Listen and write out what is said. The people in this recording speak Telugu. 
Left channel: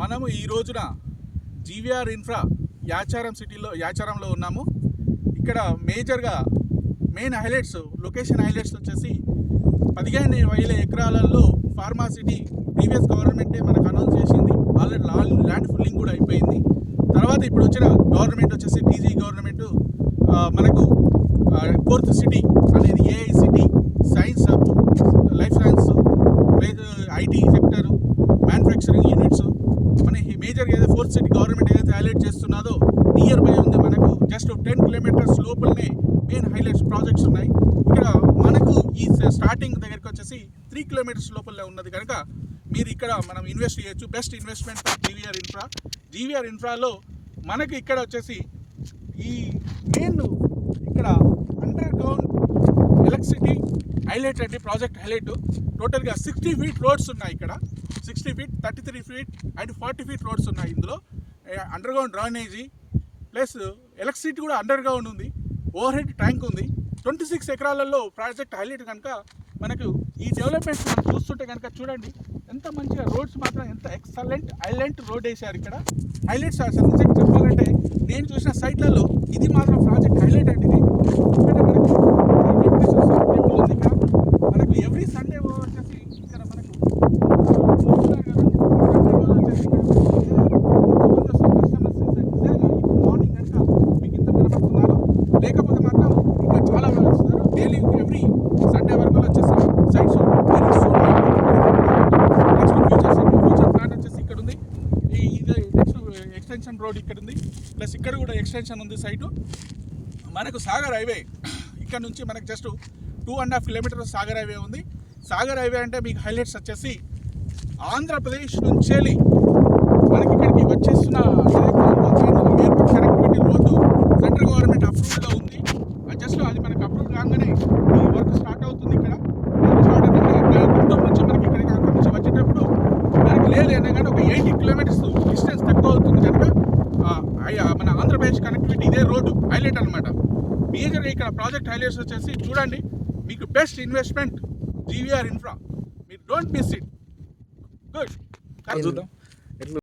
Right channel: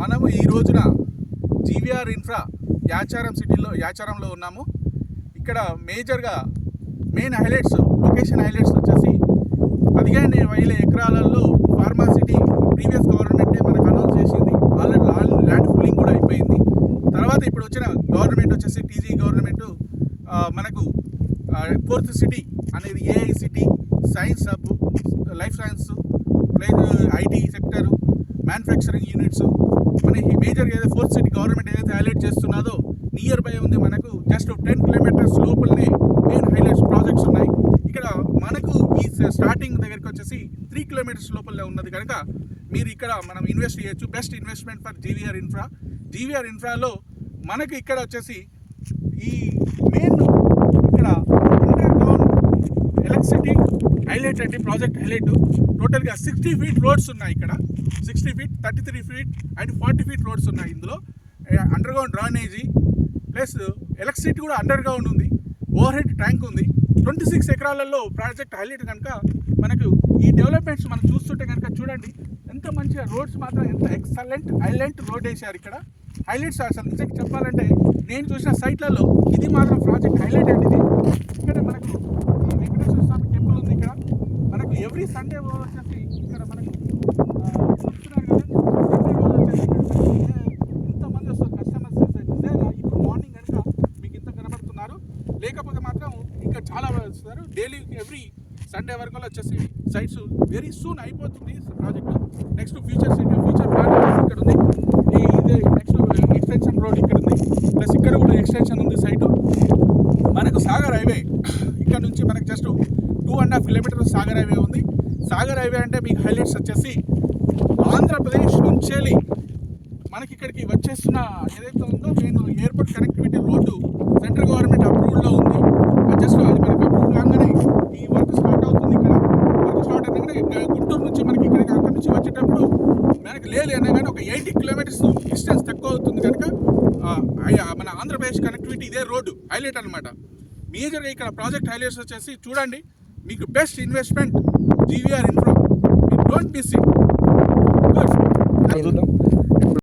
మనము ఈ రోజున జీవీఆర్ ఇన్ఫ్రా యాచారంలో ఉన్నాము. ఇక్కడ మేజర్గా మెయిన్ హైలైట్స్, లొకేషన్ హైలైట్స్ వచ్చేసి 15,000 ఎకరాలలో ఫార్మా సిటీ ప్రీవియస్ గవర్నమెంటే మనకు అనౌన్స్ చేసింది. ఆల్రెడీ ల్యాండ్ ఫుల్లింగ్ కూడా అయిపోయింది. తర్వాత ఇప్పుడు వచ్చిన గవర్నమెంట్ వచ్చేసి టీజీ గవర్నమెంట్ మనకు ఫోర్త్ సిటీ అనేది AI city, science hub, life science, IT sector, manufacturing units, మన మేజర్గా ఏదైతే ఫోర్త్ సిటీ గవర్నమెంట్ ఏదైతే హైలైట్ చేస్తున్నదో నియర్ బై ఉంది. మనకు జస్ట్ 10 కిలోమీటర్స్ లోపలనే మెయిన్ హైలైట్స్ ప్రాజెక్ట్స్ ఉన్నాయి. ఇక్కడ మనకు ఈ స్టార్టింగ్ దగ్గరికి వచ్చేసి 3 కిలోమీటర్స్ లోపలనే ఉన్నది కనుక మీరు ఇక్కడ మనం ఇన్వెస్ట్ చేయొచ్చు. బెస్ట్ ఇన్వెస్ట్మెంట్ ఫర్ జీవీఆర్ ఇన్ఫ్రాలో మనకు ఇక్కడ వచ్చేసి ఈ మెయిన్ ఇక్కడ అండర్ గ్రౌండ్ ఎలక్ట్రిసిటీ హైలైట్ అండి. ప్రాజెక్ట్ హైలైట్ టోటల్గా 60 ఫీట్ రోడ్స్ ఉన్నాయి. ఇక్కడ 60 feet, 33 feet and 40 feet roads ఉన్నాయి. ఇందులో under ground drainage plus electricity కూడా అండర్ గ్రౌండ్ ఉంది. ఓవర్ హెడ్ ట్యాంక్ ఉంది. 26 ఎకరాలలో ప్రాజెక్ట్ హైలైట్ కనుక మనకు ఈ డెవలప్మెంట్స్ మనం చూస్తుంటే కనుక చూడండి ఎంత మంచిగా రోడ్స్ మాత్రం ఎంత ఎక్సలెంట్ హైలైట్ రోడ్ వేసారు. ఇక్కడ హైలైట్స్ అసలు నిజంగా చెప్పాలంటే నేను చూసిన సైట్లలో ఇది మాత్రం ప్రాజెక్ట్ హైలైట్ అండి. ఇది ఇక్కడ మనకి టెంపుల్ ఉంది. ఇక్కడ మనకు ఎవ్రీ సండే వచ్చేసి ఇక్కడ మనకు మార్నింగ్ అంతా మీకు ఇంత కనబడుతున్నారు. లేకపోతే మాత్రం ఇంకా చాలా వస్తున్నారు. డైలీ ఎవ్రీ సండే వరకు వచ్చేసి sites very soon next future plan వచ్చేసి ఇక్కడ ఉంది. ఇది నెక్స్ట్ ఎక్స్టెన్షన్ రోడ్ ఇక్కడ ఉంది. ప్లస్ ఇక్కడ కూడా ఎక్స్టెన్షన్ ఉంది సైటు. మనకు సాగర్ హైవే ఇక్కడ నుంచి మనకు జస్ట్ 2.5 కిలోమీటర్స్ సాగర్ హైవే ఉంది. సాగర్ హైవే అంటే మీకు హైలైట్స్ వచ్చేసి ఆంధ్రప్రదేశ్ నుంచి మనకి ఇక్కడికి వచ్చేస్తున్న airport connectivity road central government అప్రూవ్డ్గా ఉంది. జస్ట్ అది మనకి అప్రూవ్ కాగానే ఈ వర్క్ స్టార్ట్ అవుతుంది. ఇక్కడ వర్క్ స్టార్ట్ అయితే గుంటూరు నుంచి మనకి ఇక్కడికి అక్కడి నుంచి వచ్చేటప్పుడు మనకి లేదు అనగానే ఒక 80 కిలోమీటర్స్ డిస్టెన్స్ తక్కువ అవుతుంది కనుక మన ఆంధ్రప్రదేశ్ కనెక్టివిటీ ఇదే రోడ్డు హైలైట్ అనమాట. మేజర్గా ఇక్కడ ప్రాజెక్ట్ హైలైట్స్ వచ్చేసి చూడండి మీకు best investment GVR infra. Don't miss it. Good.